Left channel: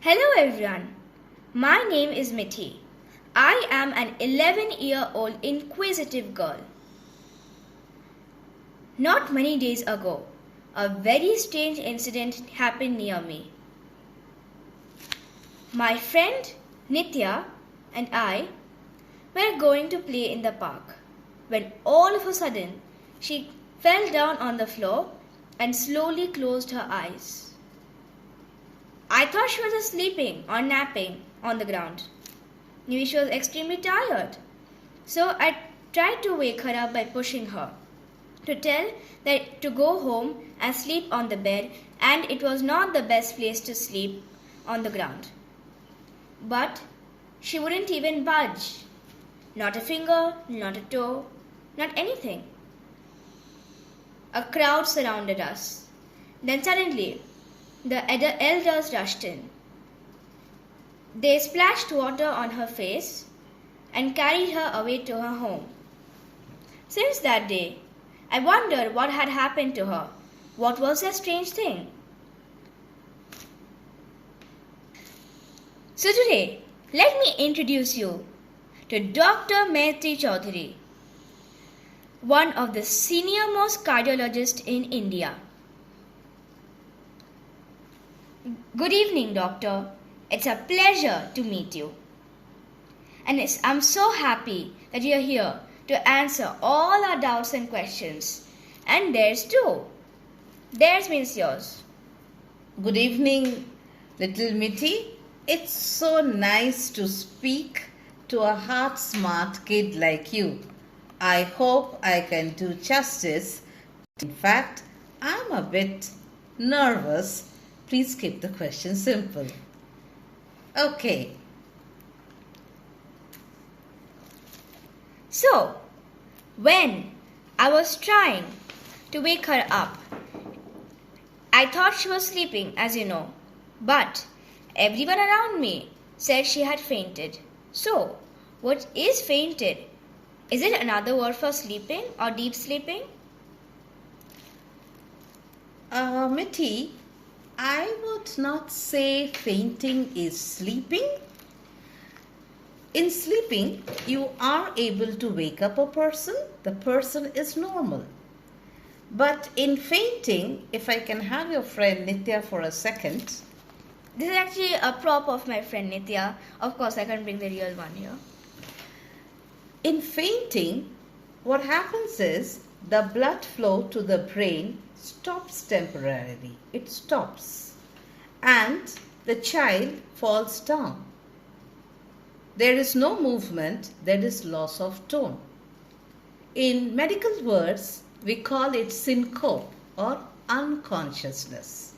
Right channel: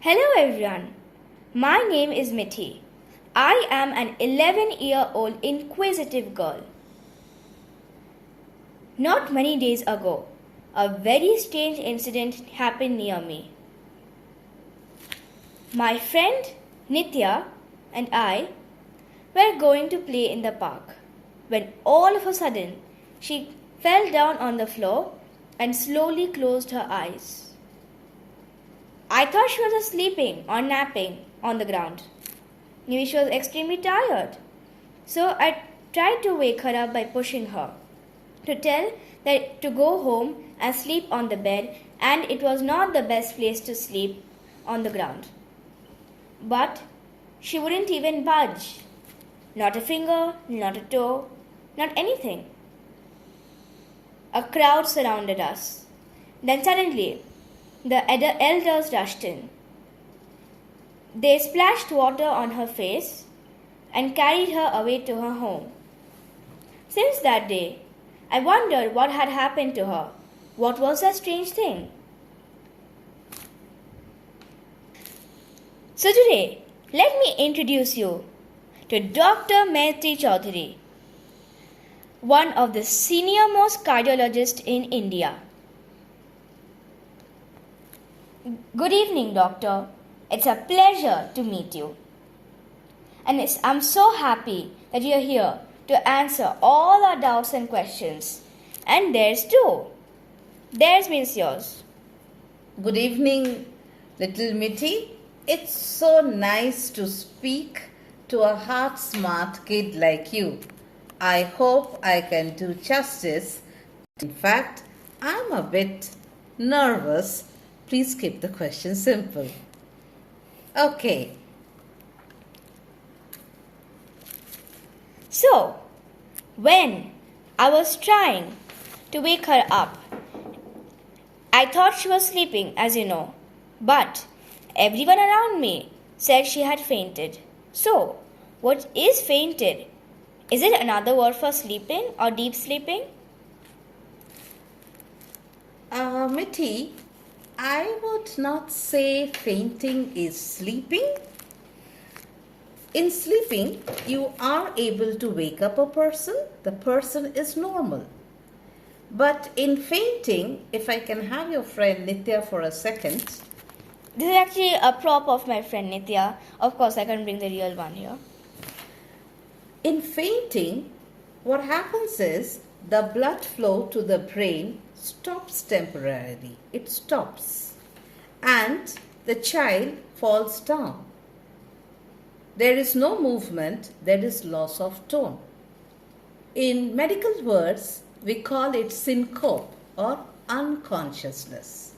Hello everyone. My name is Mithi. I am an 11-year-old inquisitive girl. Not many days ago, a very strange incident happened near me. My friend Nitya and I were going to play in the park when all of a sudden she fell down on the floor and slowly closed her eyes. I thought she was sleeping or napping on the ground. Maybe she was extremely tired. So I tried to wake her up by pushing her, to tell that to go home and sleep on the bed, and it was not the best place to sleep on the ground. But she wouldn't even budge. Not a finger, not a toe, not anything. A crowd surrounded us. Then suddenly, the elders rushed in. They splashed water on her face and carried her away to her home. Since that day, I wondered what had happened to her. What was that strange thing? So today, let me introduce you to Dr. Maitri, one of the senior-most cardiologists in India. Good evening, doctor. It's a pleasure to meet you. And I'm so happy that you're here to answer all our doubts and questions. And theirs too. Theirs means yours. Good evening, little Mithi. It's so nice to speak to a heart-smart kid like you. I hope I can do justice. In fact, I'm a bit nervous. Please keep the question simple. Okay. So, when I was trying to wake her up, I thought she was sleeping, as you know, but everyone around me said she had fainted. So, what is fainted? Is it another word for sleeping or deep sleeping? Mithi, I would not say fainting is sleeping. In sleeping, you are able to wake up a person. The person is normal. But in fainting, if I can have your friend Nitya for a second. This is actually a prop of my friend Nitya. Of course, I can't bring the real one here. In fainting, what happens is the blood flow to the brain stops temporarily. It stops. And the child falls down. There is no movement, there is loss of tone. In medical words, we call it syncope or unconsciousness.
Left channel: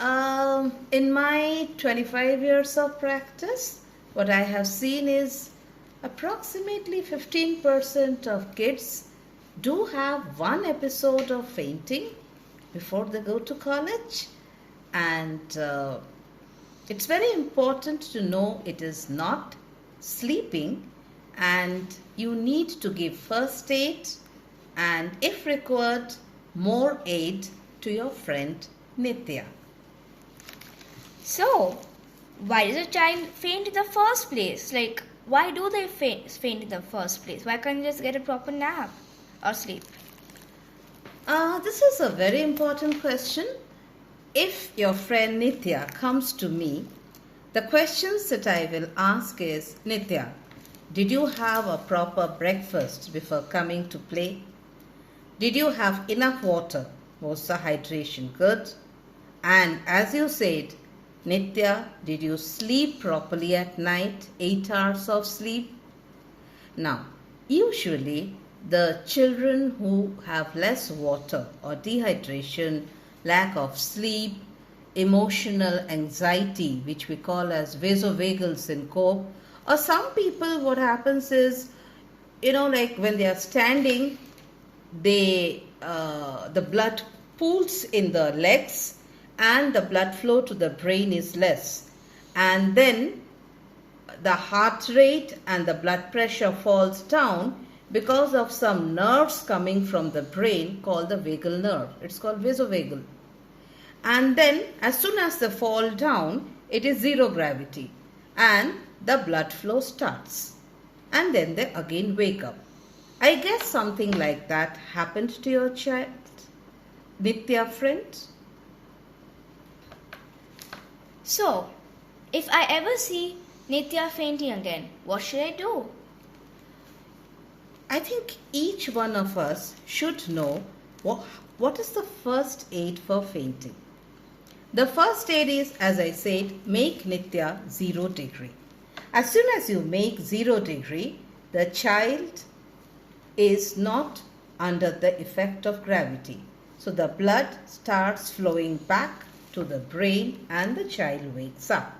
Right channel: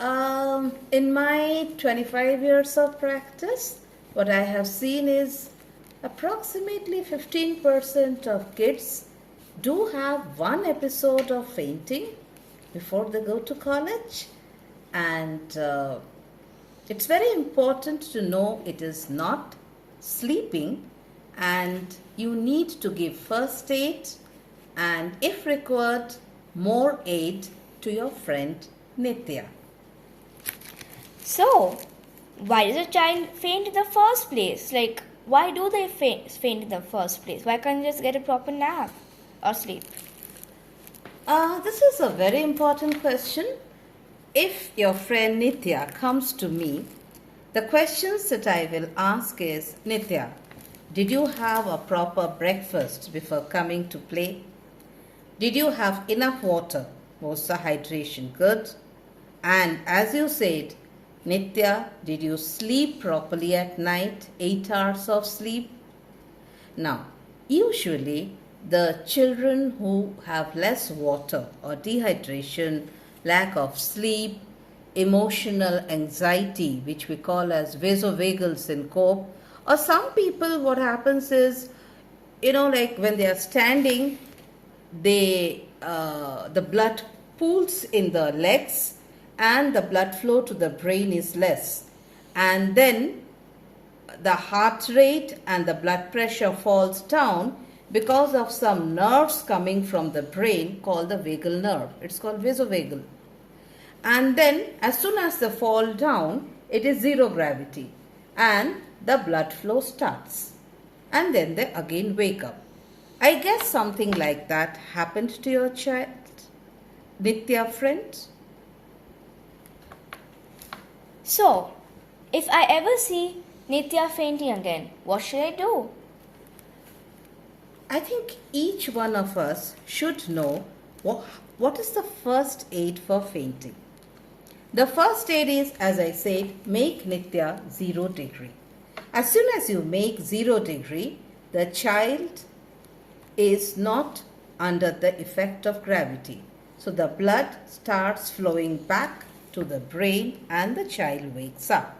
In my 25 years of practice, what I have seen is approximately 15% of kids do have one episode of fainting before they go to college, and it's very important to know it is not sleeping, and you need to give first aid and, if required, more aid to your friend Nitya. So, why does a child faint in the first place? Why do they faint in the first place? Why can't they just get a proper nap or sleep? This is a very important question. If your friend Nitya comes to me, the questions that I will ask is, Nitya, did you have a proper breakfast before coming to play? Did you have enough water? Was the hydration good? And as you said, Nitya, did you sleep properly at night? 8 hours of sleep? Now, usually the children who have less water or dehydration, lack of sleep, emotional anxiety, which we call as vasovagal syncope, or some people, what happens is, like when they are standing, the blood pools in the legs and the blood flow to the brain is less, and then the heart rate and the blood pressure falls down because of some nerves coming from the brain called the vagal nerve. It's called vasovagal. And then as soon as they fall down, it is zero gravity and the blood flow starts. And then they again wake up. I guess something like that happened to your child, Nitya friend. So, if I ever see Nitya fainting again, what should I do? I think each one of us should know what is the first aid for fainting. The first aid is, as I said, make Nitya 0 degree. As soon as you make 0 degree, the child is not under the effect of gravity. So the blood starts flowing back to the brain and the child wakes up.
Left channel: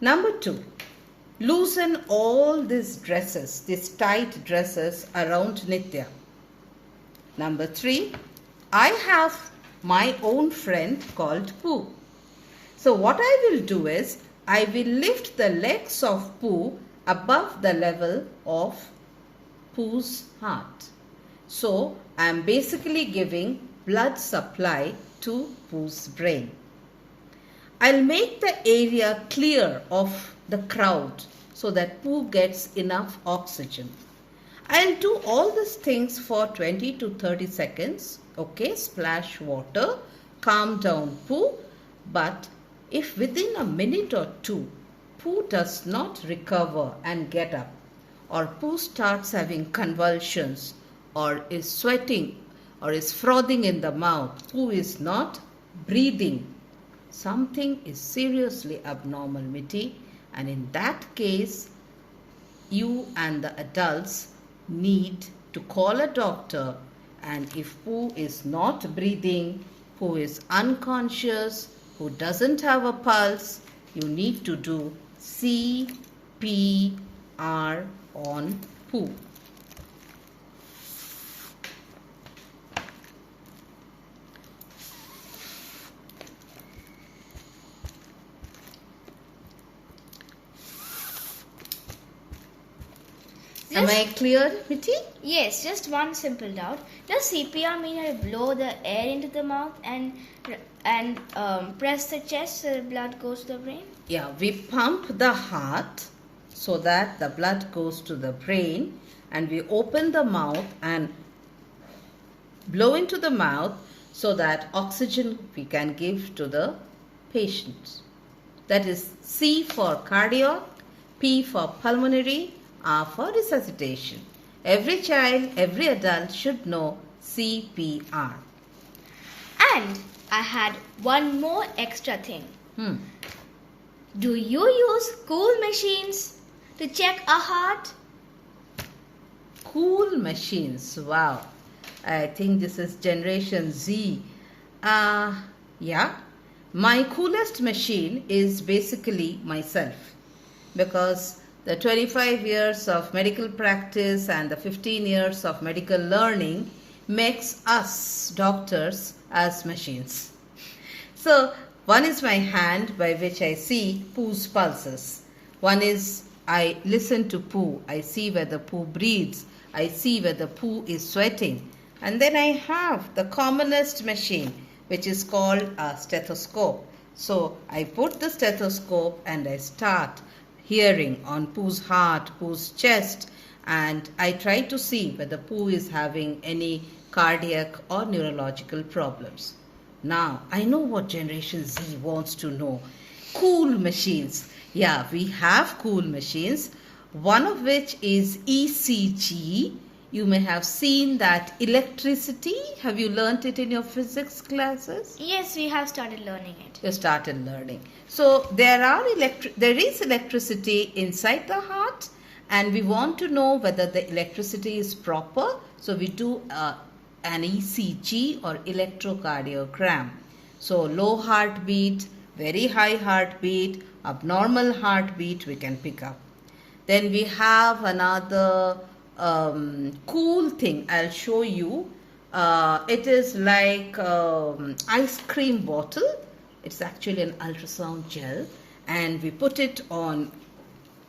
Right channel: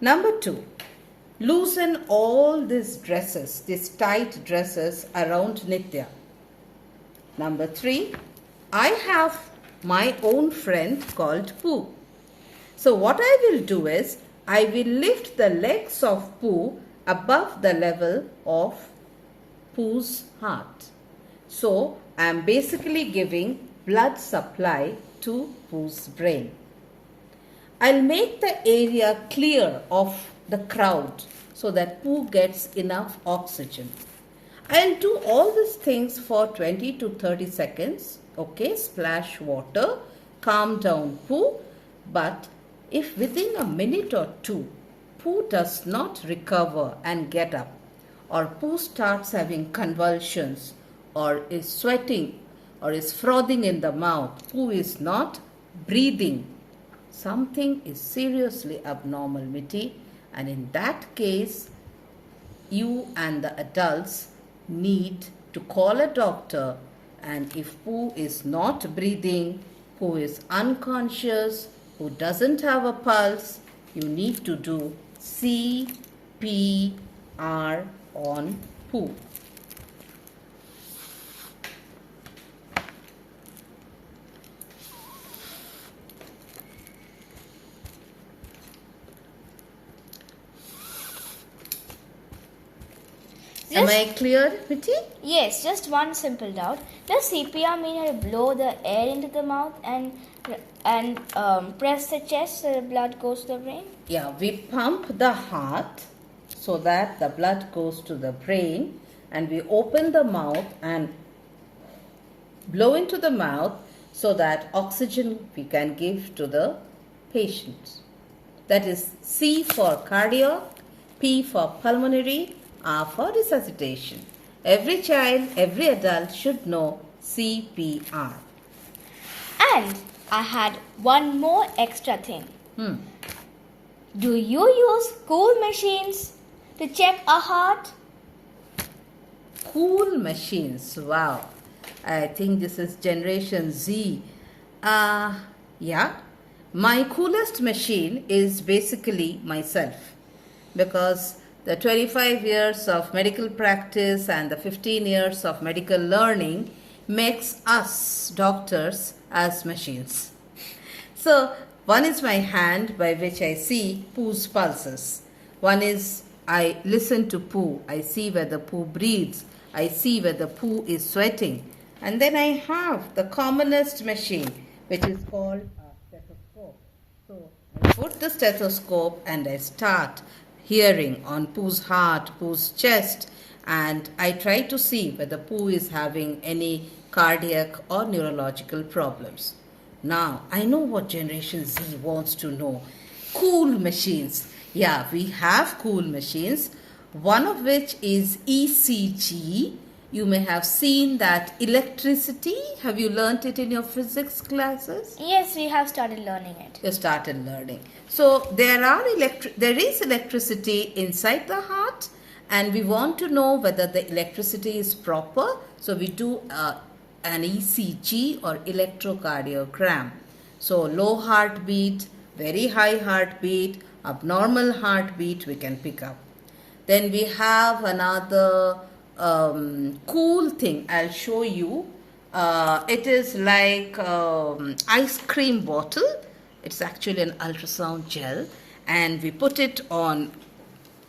Number 2, loosen all these dresses, these tight dresses around Nitya. Number 3, I have my own friend called Pooh. So what I will do is, I will lift the legs of Pooh above the level of Pooh's heart. So I am basically giving blood supply to Pooh's brain. I'll make the area clear of the crowd so that Pooh gets enough oxygen. I'll do all these things for 20 to 30 seconds. Okay, splash water, calm down Pooh. But if within a minute or two, Pooh does not recover and get up, or Pooh starts having convulsions, or is sweating, or is frothing in the mouth, Pooh is not breathing, something is seriously abnormal, Mithi. And in that case, you and the adults need to call a doctor. And if Pooh is not breathing, Pooh is unconscious, Pooh doesn't have a pulse, you need to do CPR on Pooh. Am I clear, Mithi? Yes, just one simple doubt. Does CPR mean I blow the air into the mouth and press the chest so the blood goes to the brain? Yeah, we pump the heart so that the blood goes to the brain, and we open the mouth and blow into the mouth so that oxygen we can give to the patient. That is C for cardiac, P for pulmonary, R for resuscitation. Every child, every adult should know CPR. And I had one more extra thing. Hmm. Do you use cool machines to check a heart? Cool machines, wow. I think this is Generation Z. Yeah, my coolest machine is basically myself, because the 25 years of medical practice and the 15 years of medical learning makes us doctors as machines. So, one is my hand by which I see Pooh's pulses. One is I listen to Pooh. I see whether Pooh breathes. I see whether Pooh is sweating. And then I have the commonest machine, which is called a stethoscope. So, I put the stethoscope and I start hearing on Pooh's heart, Pooh's chest, and I try to see whether Pooh is having any cardiac or neurological problems. Now, I know what Generation Z wants to know. Cool machines. Yeah, we have cool machines, one of which is ECG. You may have seen that electricity. Have you learnt it in your physics classes? Yes, we have started learning it. You started learning. So there is electricity inside the heart, and we want to know whether the electricity is proper. So we do an ECG or electrocardiogram. So low heartbeat, very high heartbeat, abnormal heartbeat we can pick up. Then we have another cool thing I'll show you. It is like ice cream bottle. It's actually an ultrasound gel, and we put it on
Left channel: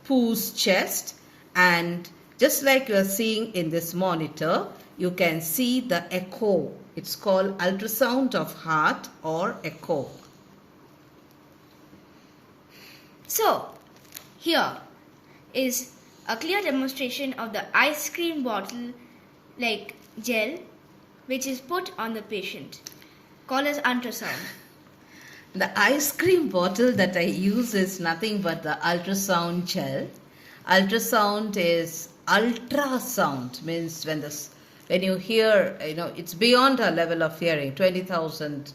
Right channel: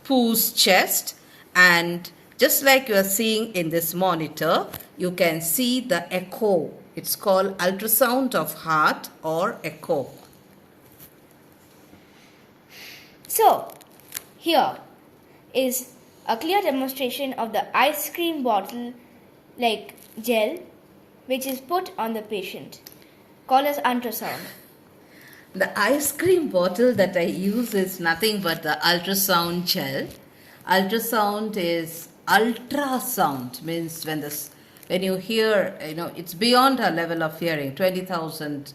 Pooh's chest, and Just like you are seeing in this monitor, you can see the echo. It's called ultrasound of heart or echo. So, here is a clear demonstration of the ice cream bottle like gel which is put on the patient, called as ultrasound. The ice cream bottle that I use is nothing but the ultrasound gel. Ultrasound is ultrasound, means when you hear, it's beyond our level of hearing, 20,000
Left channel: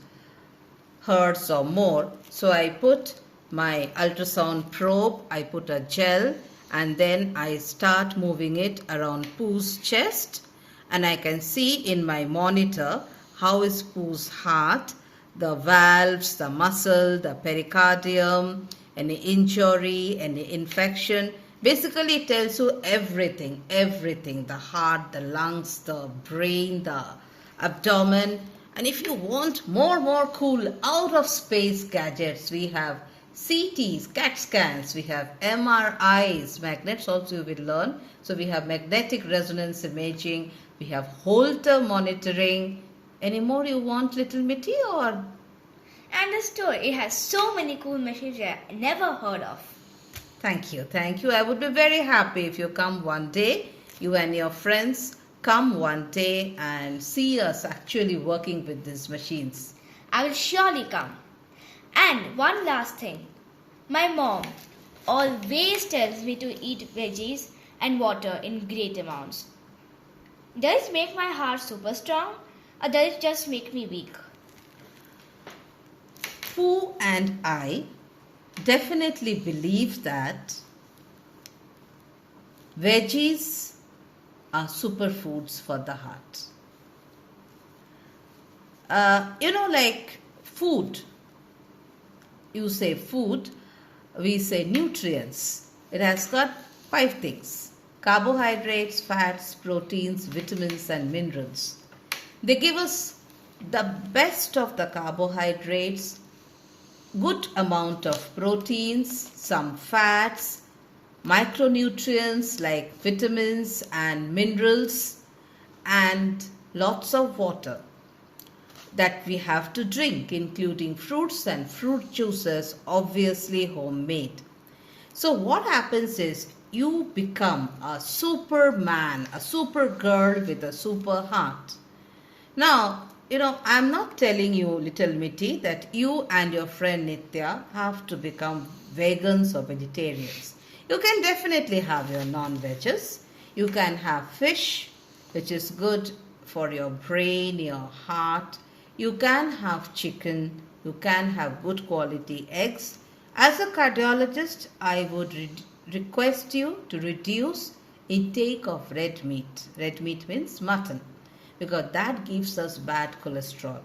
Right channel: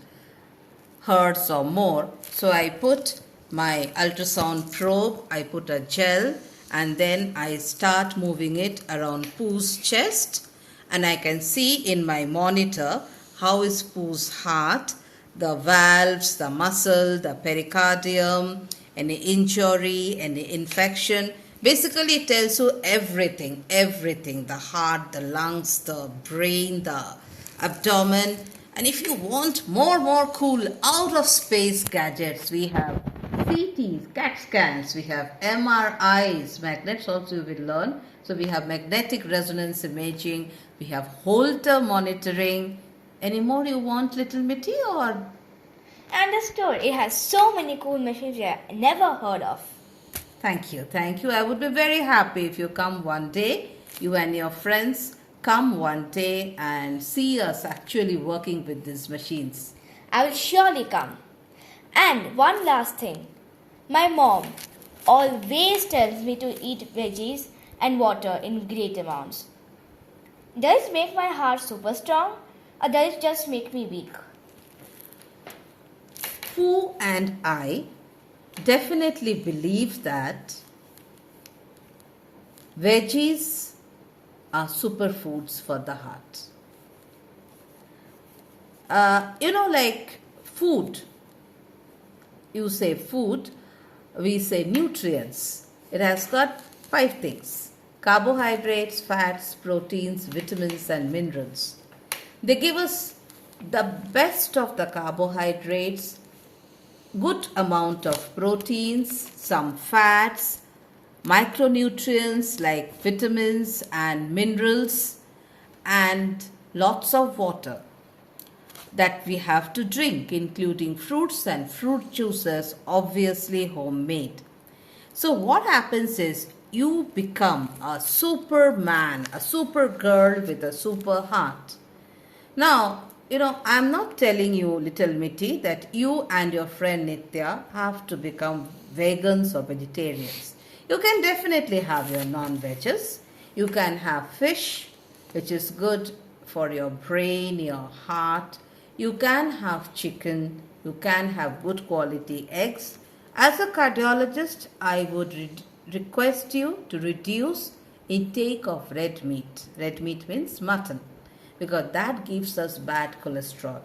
hertz or more. So I put my ultrasound probe, I put a gel, and then I start moving it around Pooh's chest, and I can see in my monitor how is Pooh's heart, the valves, the muscle, the pericardium, any injury, any infection. Basically, it tells you everything, the heart, the lungs, the brain, the abdomen. And if you want more cool out of space gadgets, we have CTs, CAT scans, we have MRIs, magnets also you will learn. So we have magnetic resonance imaging, we have Holter monitoring. Any more you want, little Mithi, or? And the store, it has so many cool machines I never heard of. Thank you. I would be very happy if you come one day, you and your friends come one day and see us actually working with these machines. I will surely come. And one last thing. My mom always tells me to eat veggies and water in great amounts. Does it make my heart super strong or does it just make me weak? Pooh and I definitely believe that veggies are superfoods for the heart. Like food. You say food, we say nutrients. It has got 5 things: carbohydrates, fats, proteins, vitamins, and minerals. They give us the best of the carbohydrates, good amount of proteins, some fats, micronutrients like vitamins and minerals, and lots of water that we have to drink, including fruits and fruit juices, obviously homemade. So what happens is you become a superman, a super girl with a super heart. Now, I'm not telling you, little Mithi, that you and your friend Nitya have to become vegans or vegetarians. You can definitely have your non-veggies. You can have fish, which is good for your brain, your heart. You can have chicken. You can have good quality eggs. As a cardiologist, I would request you to reduce intake of red meat. Red meat means mutton, because that gives us bad cholesterol.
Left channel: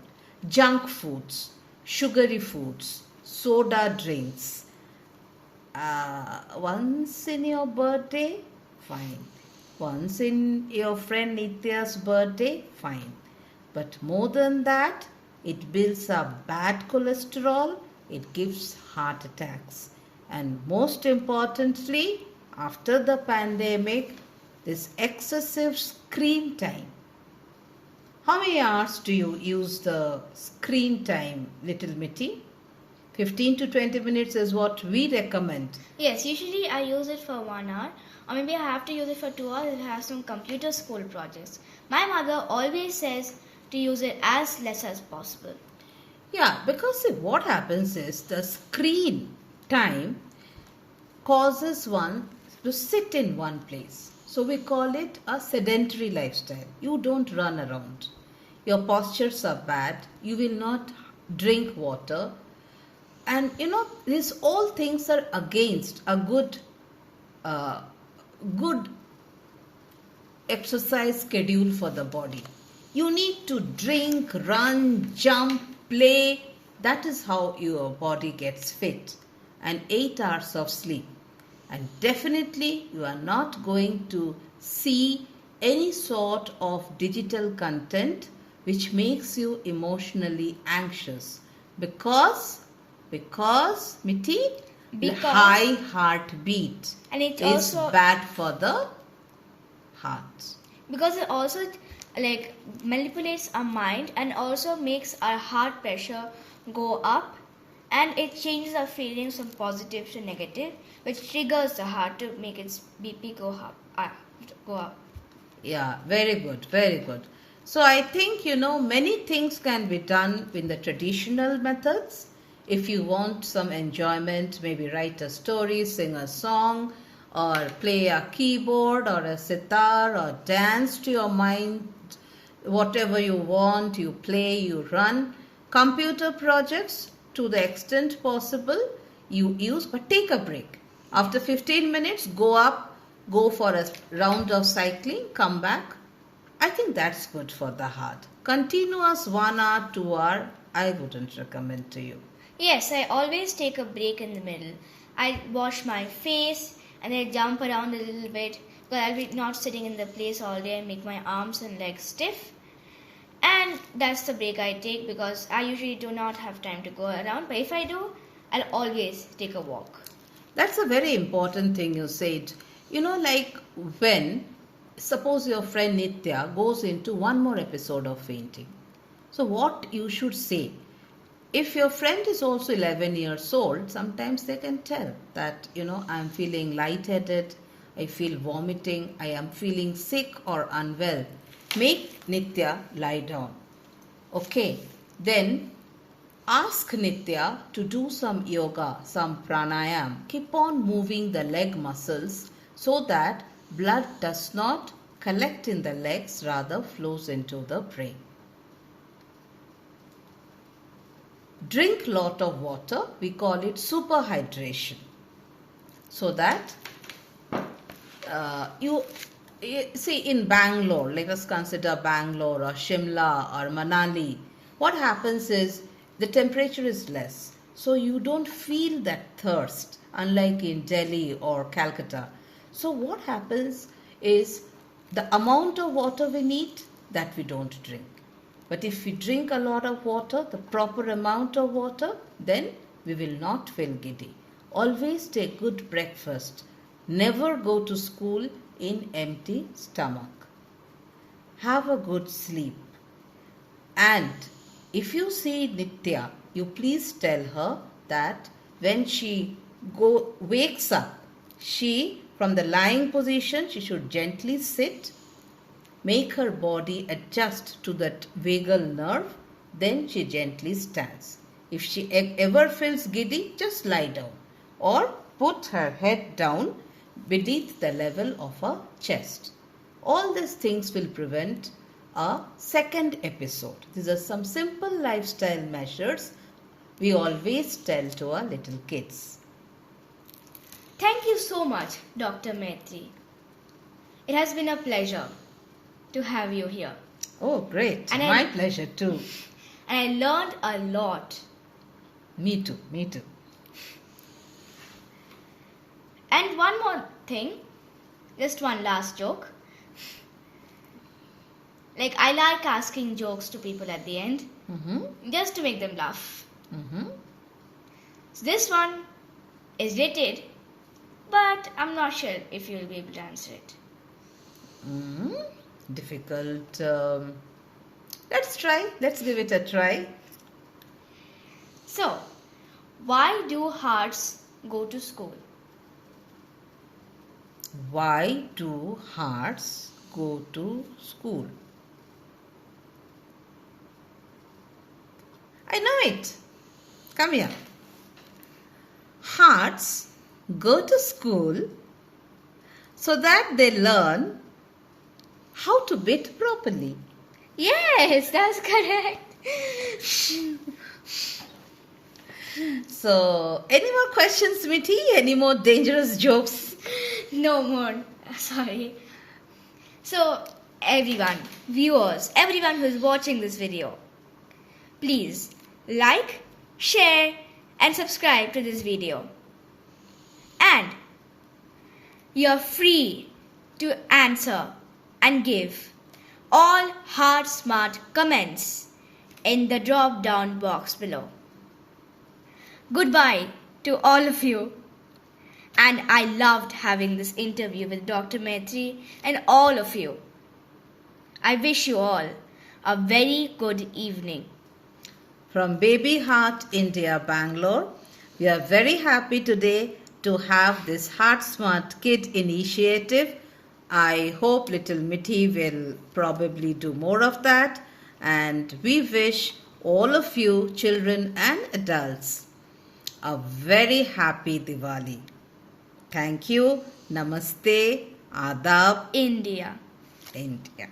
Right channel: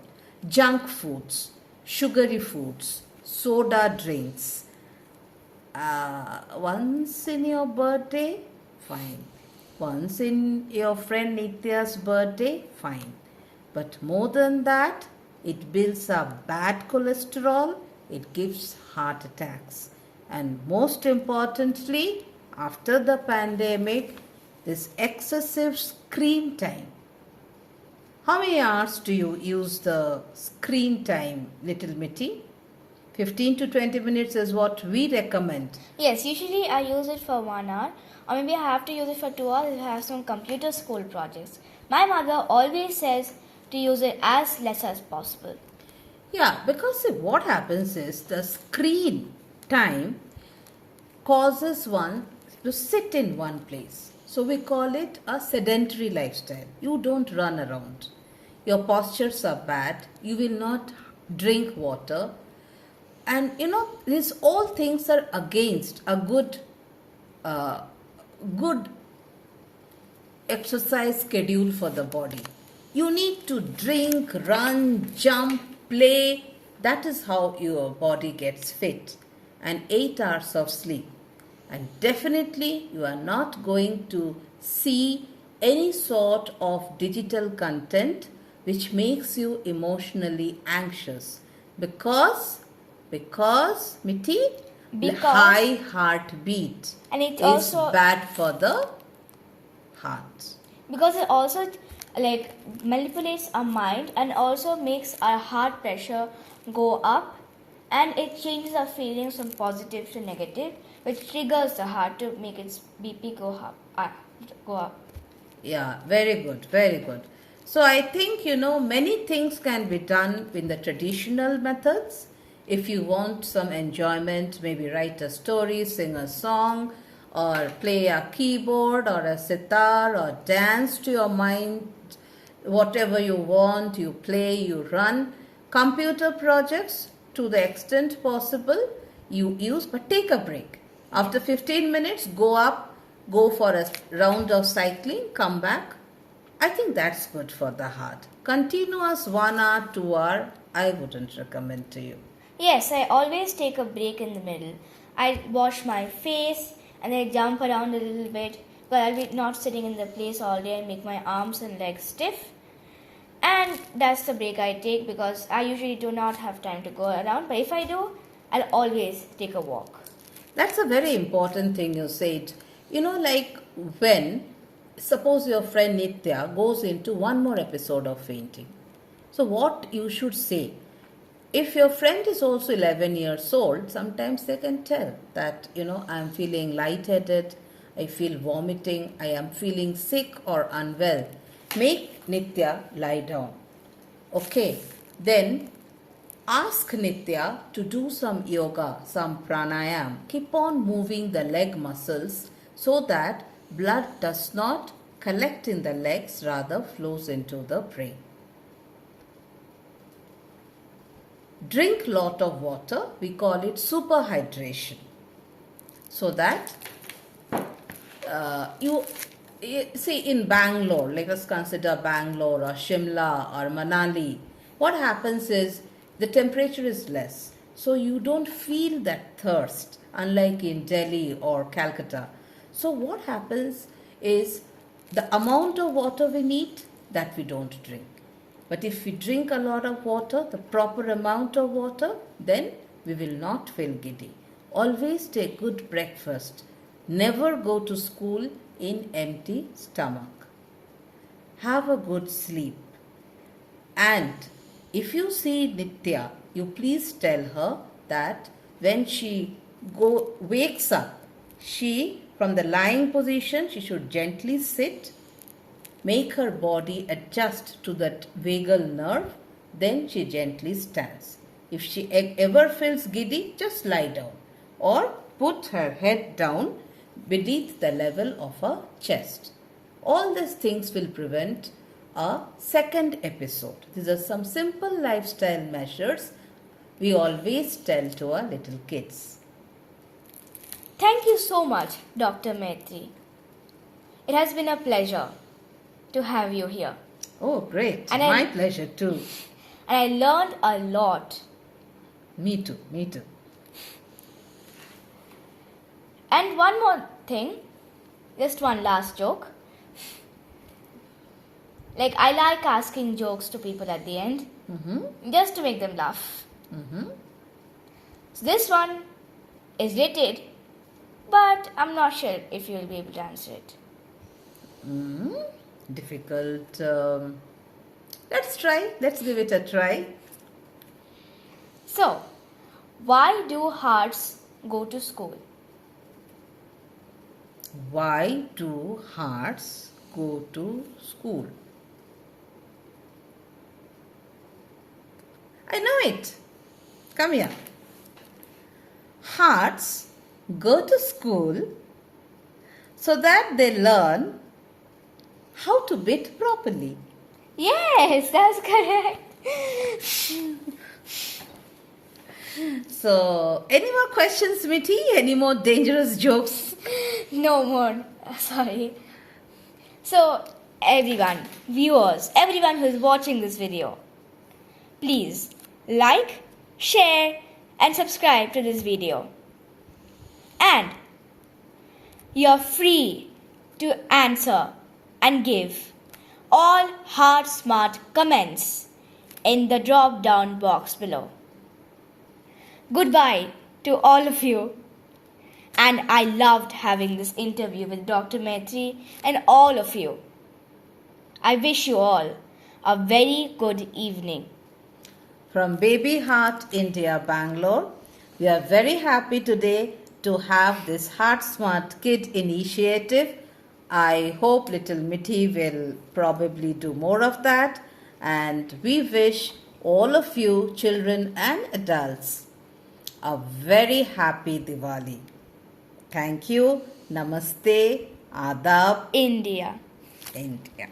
Junk foods, sugary foods, soda drinks. Once in your birthday, fine. Once in your friend Nitya's birthday, fine. But more than that, it builds up bad cholesterol, it gives heart attacks. And most importantly, after the pandemic, this excessive screen time. How many hours do you use the screen time, little Mithi? 15 to 20 minutes is what we recommend. Yes, usually I use it for 1 hour, or maybe I have to use it for 2 hours if I have some computer school projects. My mother always says to use it as less as possible. Yeah, because see, what happens is the screen time causes one to sit in one place. So we call it a sedentary lifestyle. You don't run around. Your postures are bad. You will not drink water. And these all things are against a good exercise schedule for the body. You need to drink, run, jump, play. That is how your body gets fit. And 8 hours of sleep. And definitely you are not going to see any sort of digital content which makes you emotionally anxious. Because Mithi, the high heartbeat and it's is also bad for the heart? Because it also like manipulates our mind and also makes our heart pressure go up, and it changes our feelings from positive to negative, which triggers the heart to make its BP go up. Go up. Yeah, very good, very good. So I think, many things can be done in the traditional methods. If you want some enjoyment, maybe write a story, sing a song, or play a keyboard or a sitar, or dance to your mind, whatever you want, you play, you run. Computer projects, to the extent possible, you use, but take a break. After 15 minutes, go up, go for a round of cycling, come back. I think that's good for the heart. Continuous 1 hour, 2 hour, I wouldn't recommend to you. Yes, I always take a break in the middle. I wash my face and I jump around a little bit, because I'll be not sitting in the place all day and make my arms and legs stiff. And that's the break I take, because I usually do not have time to go around. But if I do, I'll always take a walk. That's a very important thing you said. Like when, suppose your friend Nitya goes into one more episode of fainting. So what you should say, if your friend is also 11 years old, sometimes they can tell that, I'm feeling lightheaded, I feel vomiting, I am feeling sick or unwell. Make Nitya lie down. Okay, then ask Nitya to do some yoga, some pranayam. Keep on moving the leg muscles so that blood does not collect in the legs, rather flows into the brain. Drink lot of water. We call it superhydration. So that you see, in Bangalore, let us consider Bangalore or Shimla or Manali, what happens is the temperature is less. So you don't feel that thirst, unlike in Delhi or Calcutta. So what happens is the amount of water we need, that we don't drink. But if we drink a lot of water, the proper amount of water, then we will not feel giddy. Always take good breakfast. Never go to school in empty stomach. Have a good sleep. And if you see Nitya, you please tell her that when she wakes up, she, from the lying position, she should gently sit, make her body adjust to that vagal nerve, then she gently stands. If she ever feels giddy, just lie down or put her head down beneath the level of her chest. All these things will prevent a second episode. These are some simple lifestyle measures we always tell to our little kids. Thank you so much, Dr. Maitri. It has been a pleasure to have you here. Oh, great. And My pleasure too. And I learned a lot. Me too, me too. And one more thing, just one last joke. Like, I like asking jokes to people at the end, just to make them laugh. So this one is related, but I'm not sure if you'll be able to answer it. Difficult. Let's try. Let's give it a try. So, why do hearts go to school? Why do hearts go to school? I know it. Come here. Hearts go to school so that they learn how to beat properly. Yes, that's correct. So, any more questions, Mithi? Any more dangerous jokes? No more. Sorry. So, everyone, viewers, everyone who is watching this video, please like, share, and subscribe to this video. And you're free to answer and give all hard smart comments in the drop down box below. Goodbye to all of you, And I loved having this interview with Dr. Maitri and all of you. I wish you all a very good evening. From Baby Heart India, Bangalore, we are very happy today to have this Heart Smart Kid initiative. I hope little Mithi will probably do more of that, and we wish all of you, children and adults, a very happy Diwali. Thank you. Namaste. Adab. India. India.